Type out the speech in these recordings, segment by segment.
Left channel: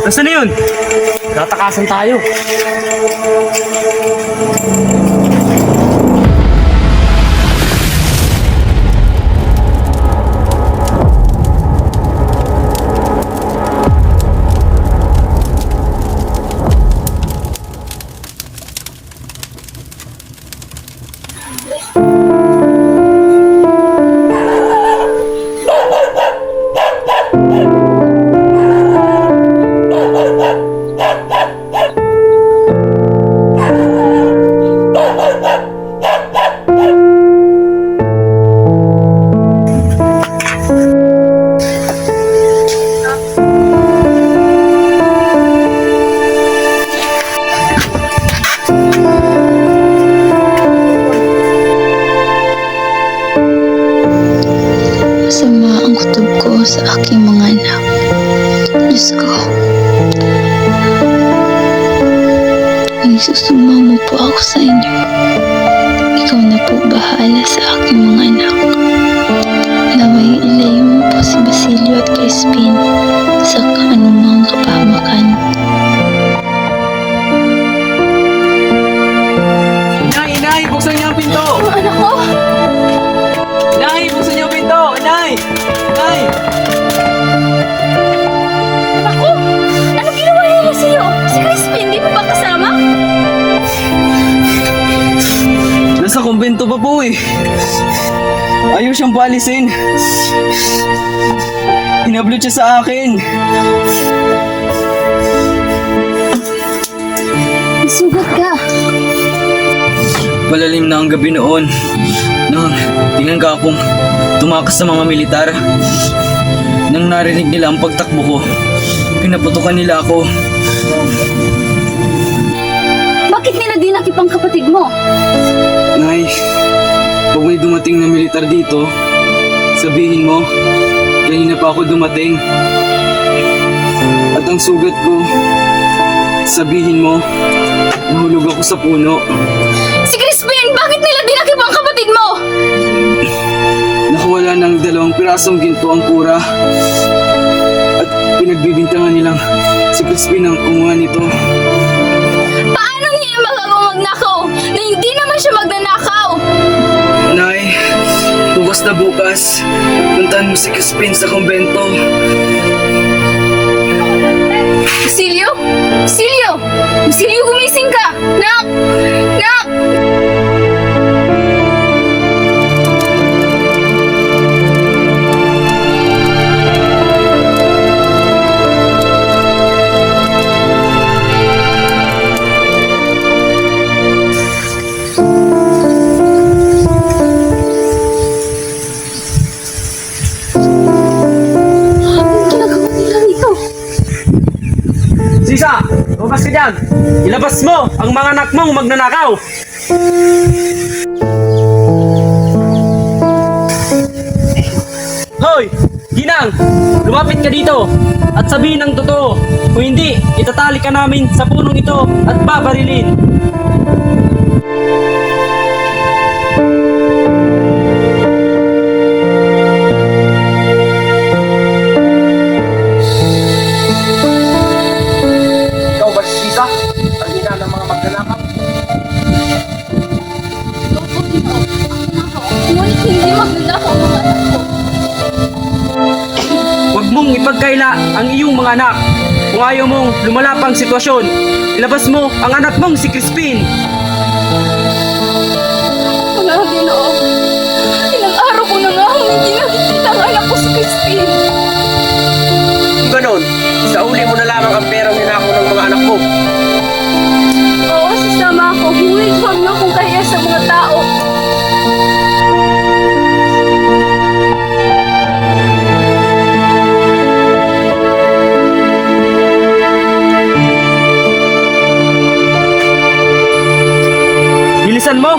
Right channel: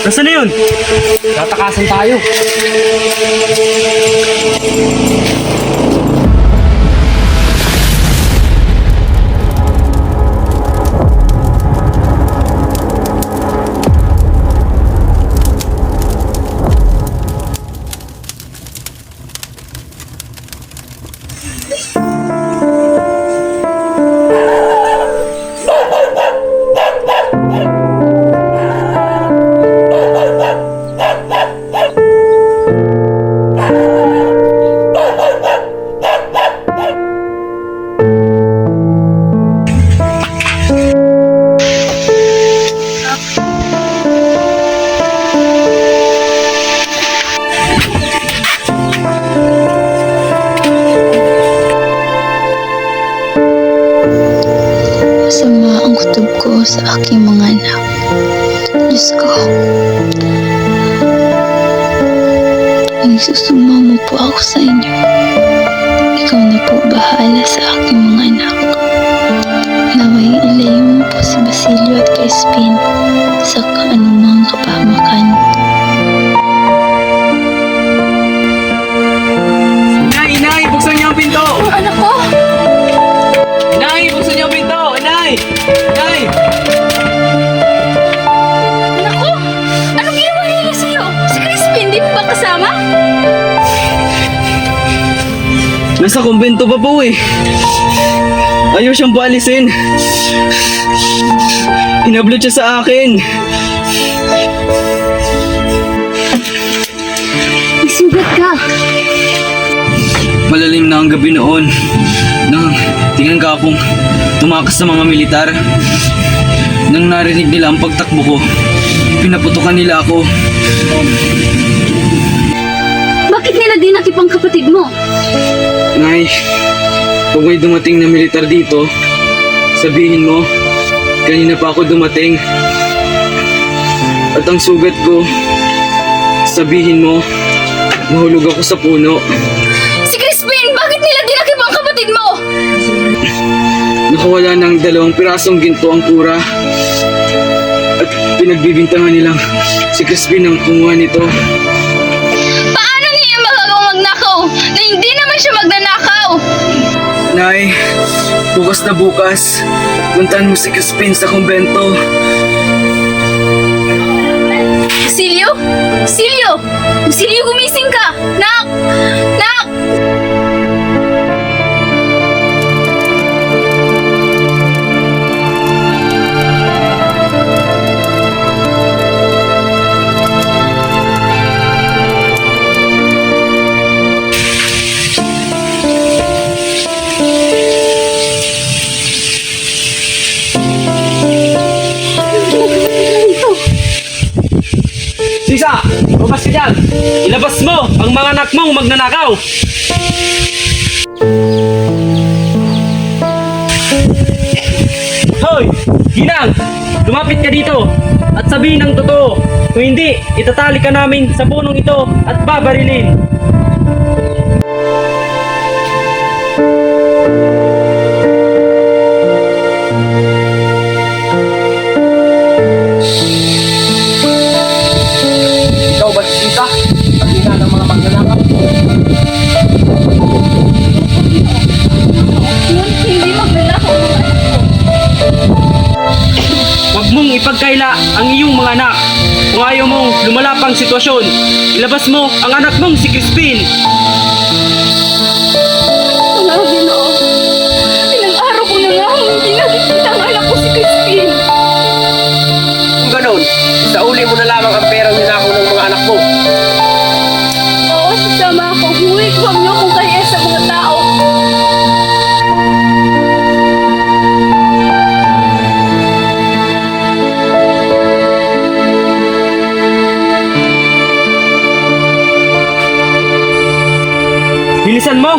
Nasaan na yun? Tatakasan tayo. Masama ang kutob ko sa aking mga anak. Diyos ko, nagsusumamo po ako sa inyo. Ikaw na po bahala sa aking mga anak. Naway ilayo mo po si Basilio at Crispin sa anumang kapahamakan. Inay! Buksan niyo ang pinto! Ang anak ko! Inay! Buksan niyo ang pinto! Inay! Inay! Anak ko! Anong ginawa niya sa'yo? Si Crispin, di mo ba kasama? Nasa kumbento pa po eh. Ayaw siyang paalisin. Inablot siya sa akin. Isugat ka! Malalim na ang gabi noon. Nang tingnan ka akong tumakas sa mga militar. Nang narinig nila ang pagtakbo ko, pinaputukan nila ako. Bakit nila dinakip ang kapatid mo? Nay, pag may dumating na militar dito, sabihin mo, kanina pa ako dumating. At ang sugat ko, sabihin mo, nahulog ako sa puno. Si Crispin, bakit nila dinakip ang kapatid mo? Nakawala ng 2 pirasong ginto ang kura. At pinagbibintangan nilang si Crispin ang kumuha nito. Paano niya magagawang magnakaw na hindi naman siya magnanakaw? Nay, bukas na bukas, puntahan mo si Crispin sa kumbento. Basilio? Basilio! Basilio, gumising ka! Nak! Nak! Sisa, lumabas ka dyan! Ilabas mo ang mga anak mong magnanakaw! Hoy! Ginang! Lumapit ka dito at sabihin ang totoo. Kung hindi, itatali ka namin sa punong ito at babarilin. Ikaw ba si Sisa? Ang ina ng mga magnanakaw? Ngunit hindi magnanakaw ang mga anak ko. Huwag mong ipagkaila ang iyong mga anak. Kung ayaw mong lumala pang sitwasyon, ilabas mo ang anak mong si Crispin. Mga Ginoo, ilang araw ko na nga hindi nakikita ang anak ko si Crispin. Kung ganon, isauli mo na lamang ang perang ninakaw ng mga anak mo. Oo, sasama ako. Ngunit huwag niyo akong kahiya sa mga tao. Bilisan mo!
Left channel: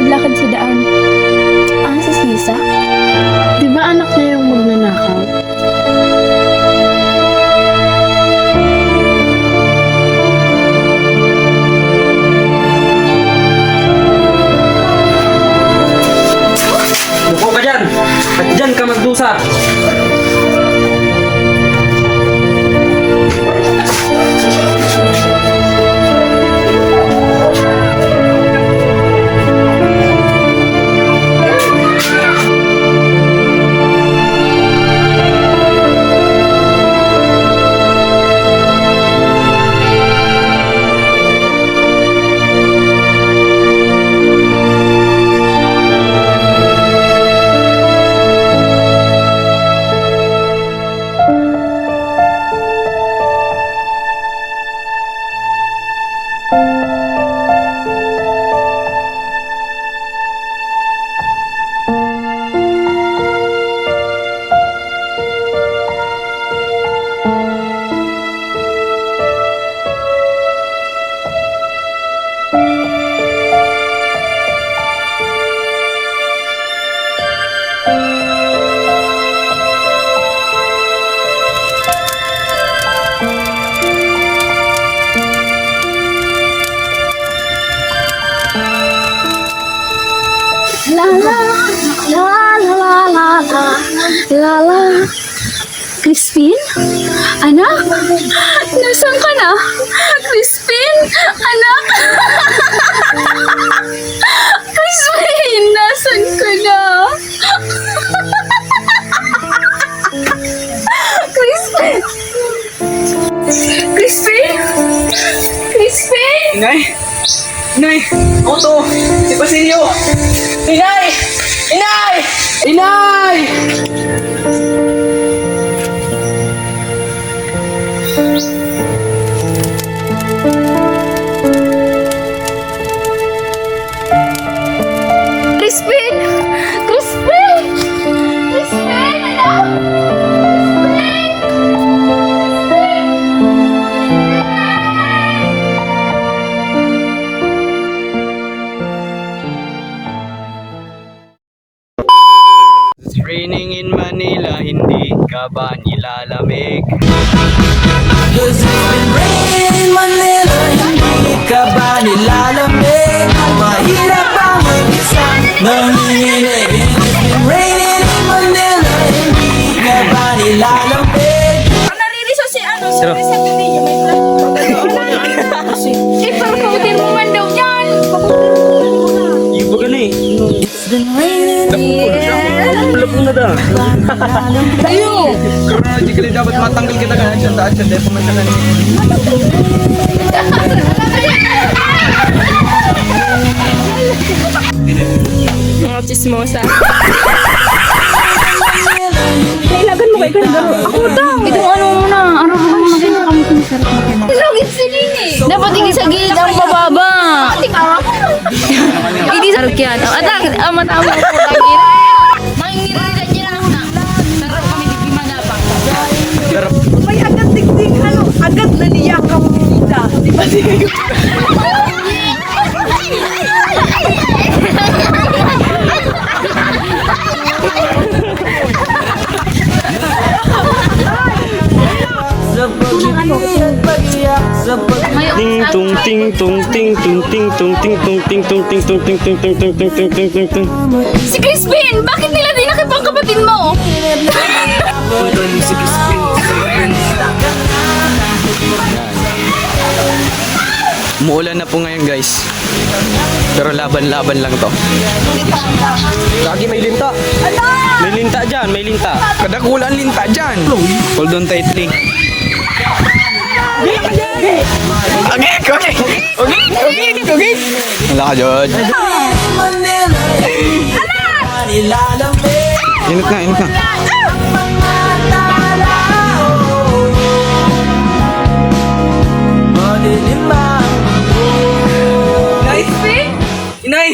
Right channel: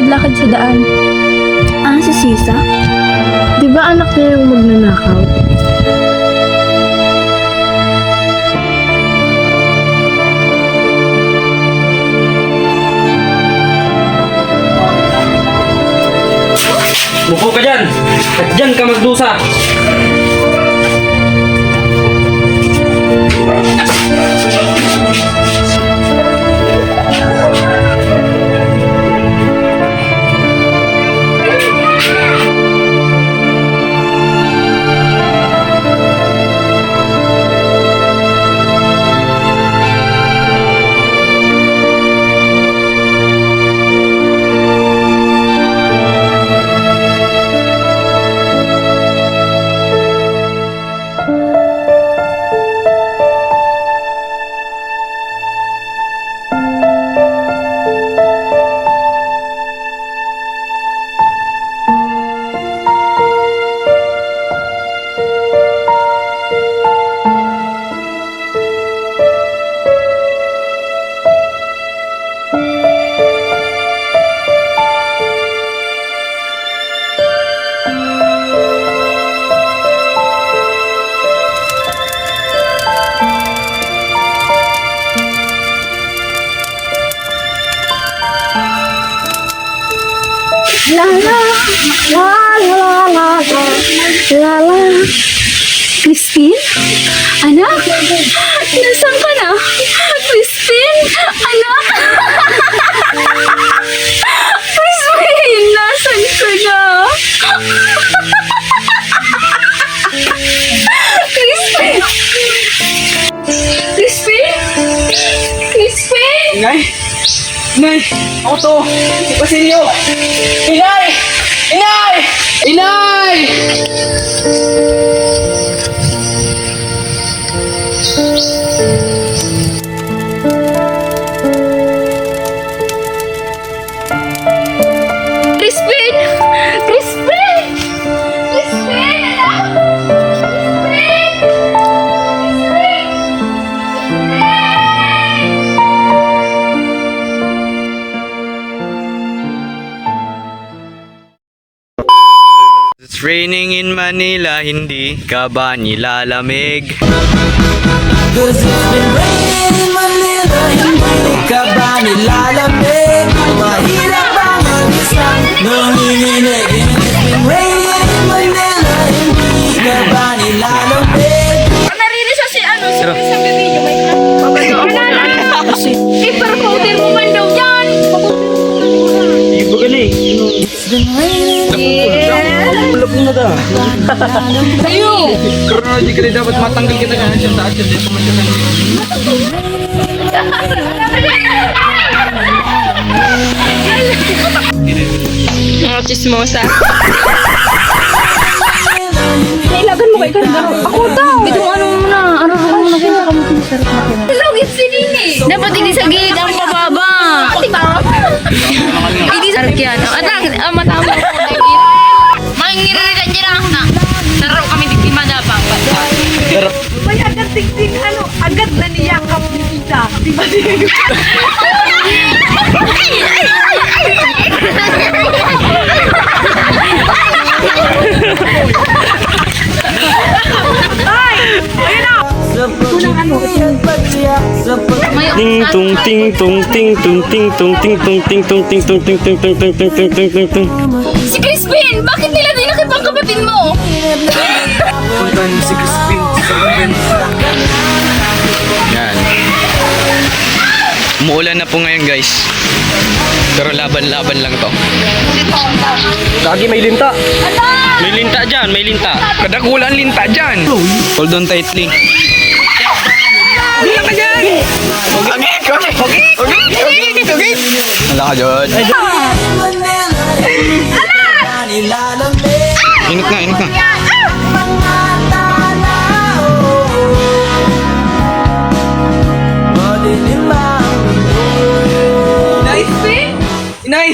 naglalakad-lakad sa daan. Si Sisa? Di ba anak niya yung magnanakaw? Buko ka dyan! At dyan ka magdusa! La la la la la la la la. Crispin? Anak? Nasaan ka na? Crispin? Anak? Crispin! Nasaan ka na? Crispin! Crispin? Crispin? Inay! Inay! Ako to! Si Basilio! Inay! Inay! Inay! Crispin! Crispin! Crispin! Anak! Crispin! It's raining in Manila, hindi ka ba nilalamig? Cause it's been raining in Manila, hindi ka ba nilalamig? Mahirap bang mag-isa nanginginig? And it's been raining in Manila, hindi ka ba nilalamig? Naririso si sa bibidyo, may Eh, pero powder mo man daw yan! Iba ka na eh. It's been raining Ulap mo na daw. Pero hindi ka rin dapat matanggal kita ka dyan sa atyan. Dito may kanan. Mga chismosa. Nailagan mo kayo kanina. Ako daw. Ito ano muna. Ano muna. Lugit si Nini. Dapat hindi sa gilid ang pababa. Hindi sa kaya. Atak, matama ko. Mangiririgan niya lang na. Naro kami di kimanapang. May agad tingting ano, agad na niyak ang kita. sa pag-ibig at pag-iyak sa pag- Ting tung ting tung ting tung ting tung ting tung ting tung ting tung ting tung ting tung ting tung ting tung ting. Si Crispin! Bakit nila dinakip ang kapatid mo? Punta niyo si Crispin sa event. Yan. Umuulan na po ngayon guys. Pero laban-laban lang to. Lagi may linta. May linta dyan, may linta. Kadakulan linta dyan. Hold on tightly. Wala ka dyan. Manila, hindi ka nilalamig. Ingat nga, ingat nga. Mga tao, madilim ang Inay! Inay!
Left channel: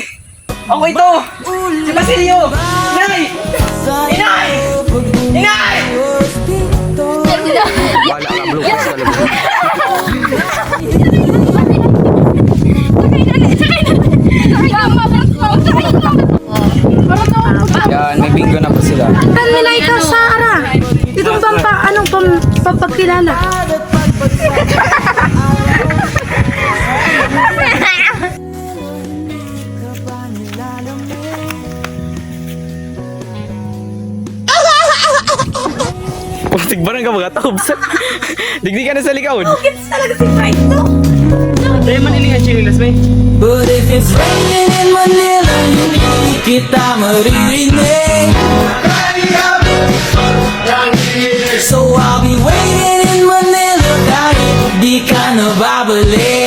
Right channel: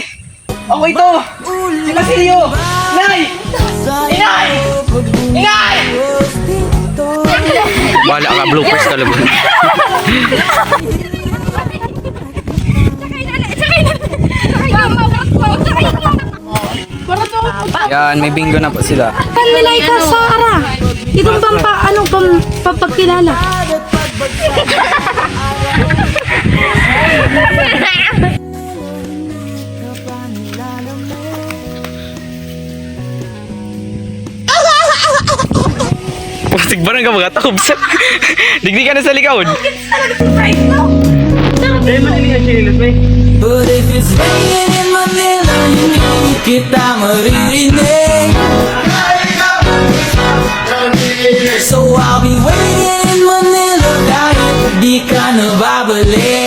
Ako ito! Si Basilio! Inay! Inay! Inay! Wala ka, bloopers talaga. Yan, may bingo na po sila. Kanilay ka, Sara. Itong pampakilala. Putik ba nang mga takobs? Digdi ka na sa likod. Dahil maniling ang chinilas, may. But if it's raining in Manila, hindi kita maririnig. So I'll be waiting in Manila kahit di ka na babalik.